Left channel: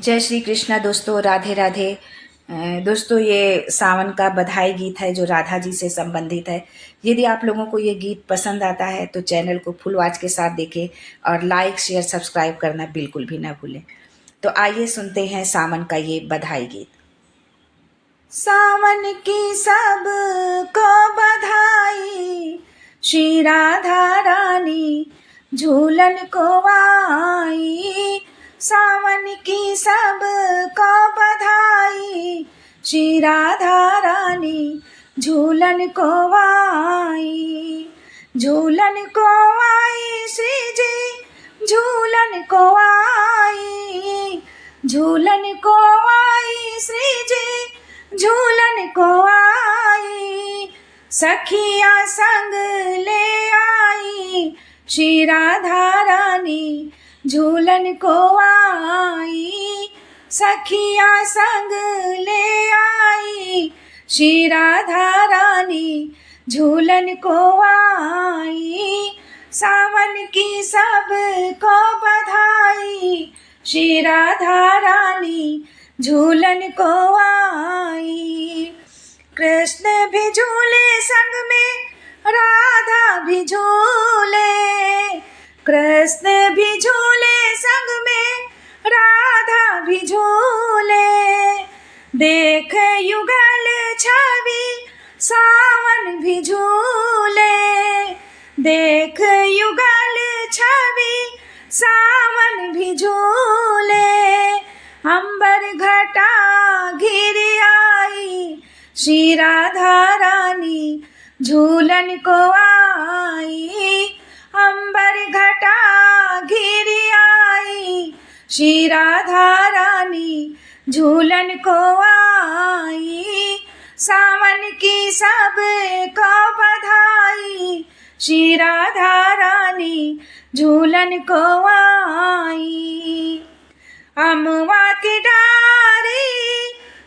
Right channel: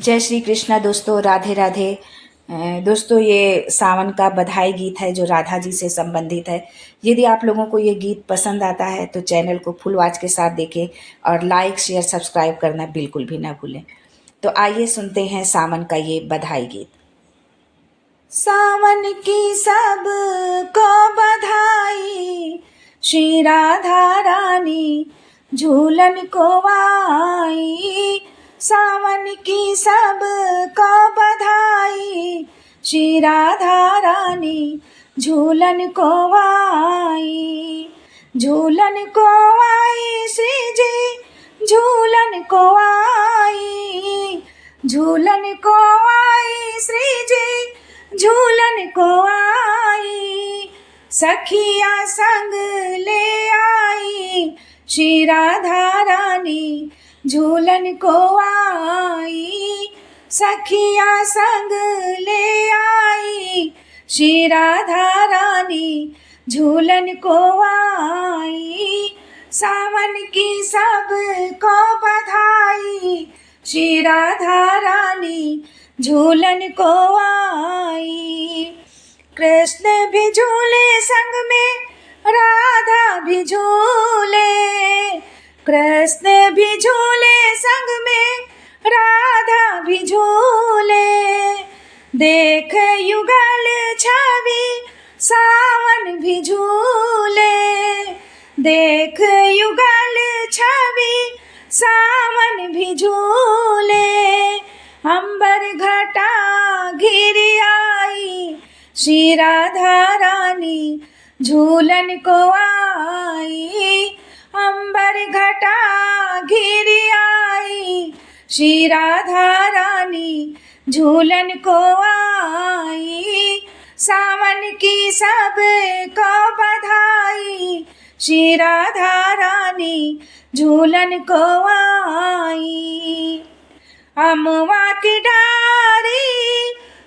जय श्री कृष्णा दोस्तों, राधे राधे। दोस्तों, ये सावन का बधाई गीत है जो राधा जी से संबंधित है। यदि आप लोगों को ये गीत पसंद आता है तो चैनल को फुल वॉच के साथ देखें और लाइक शेयर सब्सक्राइब करना बिल्कुल भी ना भूलें। तो आइए सुनते हैं सावन का ये बधाई गीत। सावन की सब को बधाई, श्री राधा रानी झूलन को आई। सावन की सब को बधाई, श्री राधा रानी झूलन को आई। झूलन को आई श्री जी, झूलन को आई। झूलन को आई श्री जी, झूलन को आई। सखिया संग ले आई, श्री राधा रानी झूलन को आई। सखिया संग ले आई, श्री राधा रानी झूलन को आई। सावन की सब को बधाई, श्री राधा रानी झूलन को आई। कृष्ण भी झूले संग में, राधा भी झूले। कृष्ण भी झूले संग में, राधा भी झूले। देख युगल छवि, सावन भी झूले। देख युगल छवि, सावन भी झूले। अंबर घटा घिर आई, श्री राधा रानी झूलन को आई। अंबर घटा घिर आई, श्री राधा रानी झूलन को आई। सावन की सब को बधाई, श्री राधा रानी झूलन को आई। अमवा की डारी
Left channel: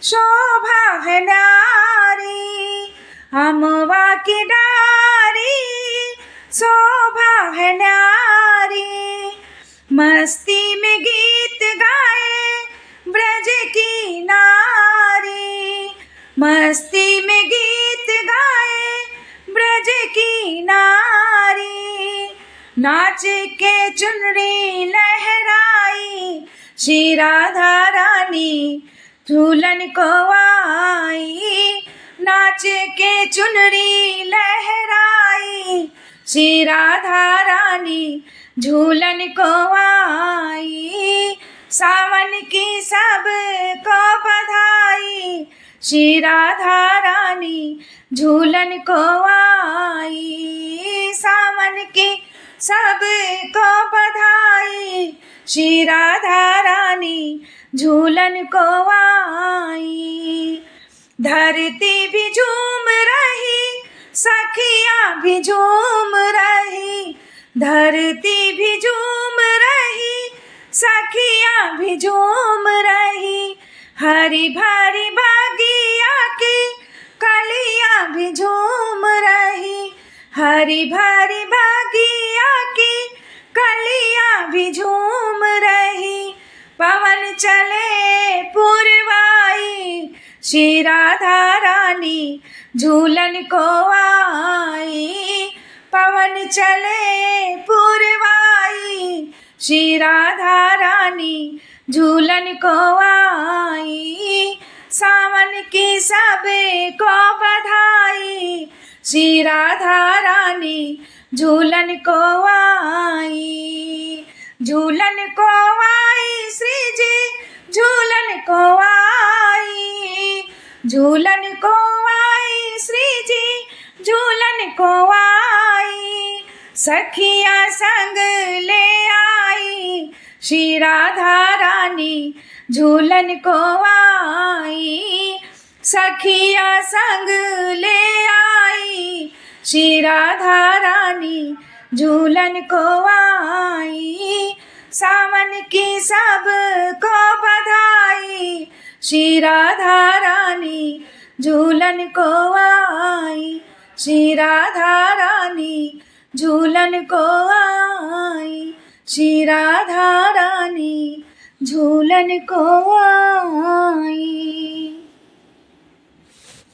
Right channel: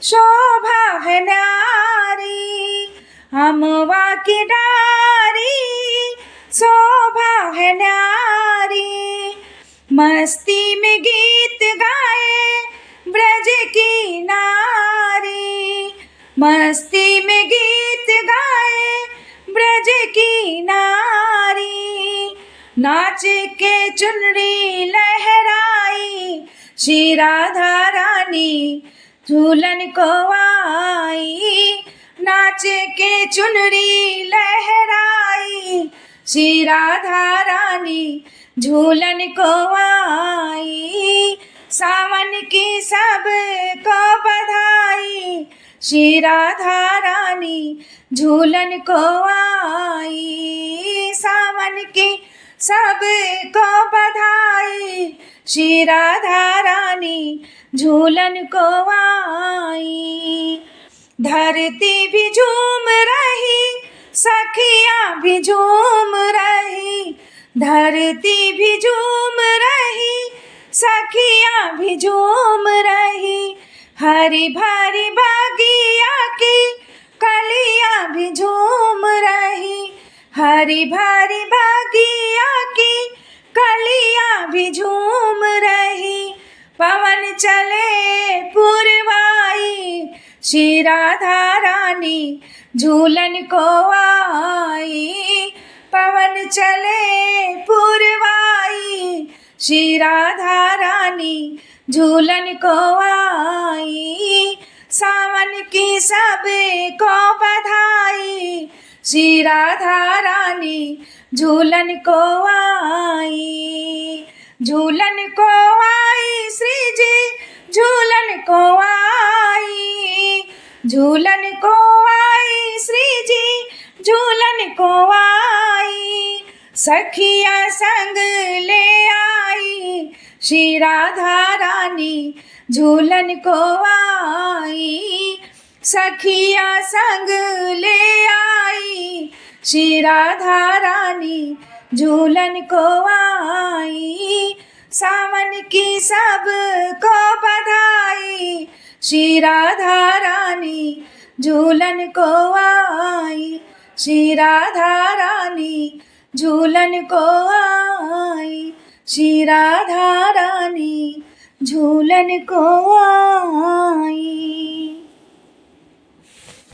शोभा है न्यारी। अमवा की डारी शोभा है न्यारी। मस्ती में गीत गाए ब्रज की नारी। मस्ती में गीत गाए ब्रज की नारी। नाच के चुनरी लहराई, श्री राधा रानी झूलन को आई। नाच के चुनरी लहराई, श्री राधा रानी झूलन को आई। सावन की सब को बधाई, श्री राधा रानी झूलन को आई। सावन की सब को बधाई, श्री राधा रानी झूलन को आई। धरती भी झूम रही, सखियाँ भी झूम रही। धरती भी झूम रही, सखियाँ भी झूम रही। हरी भरी बागिया की कलियाँ भी झूम रही। हरी भरी बागिया की कलियाँ भी झूम रही। पवन चले पुरवाई, श्री राधा रानी झूलन को आई। पवन चले पुरवाई, श्री राधा रानी झूलन को आई। सावन की सब को बधाई, श्री राधा रानी झूलन को आई। झूलन को आई श्री जी, झूलन को आई। झूलन को आई श्री जी, झूलन को आई। सखिया संग ले आई, श्री राधा रानी झूलन को आई। सखिया संग ले आई, श्री राधा रानी झूलन को आई। सावन की सब को बधाई, श्री राधा रानी झूलन को आई। श्री राधा रानी झूलन को आई। श्री राधा रानी झूलन को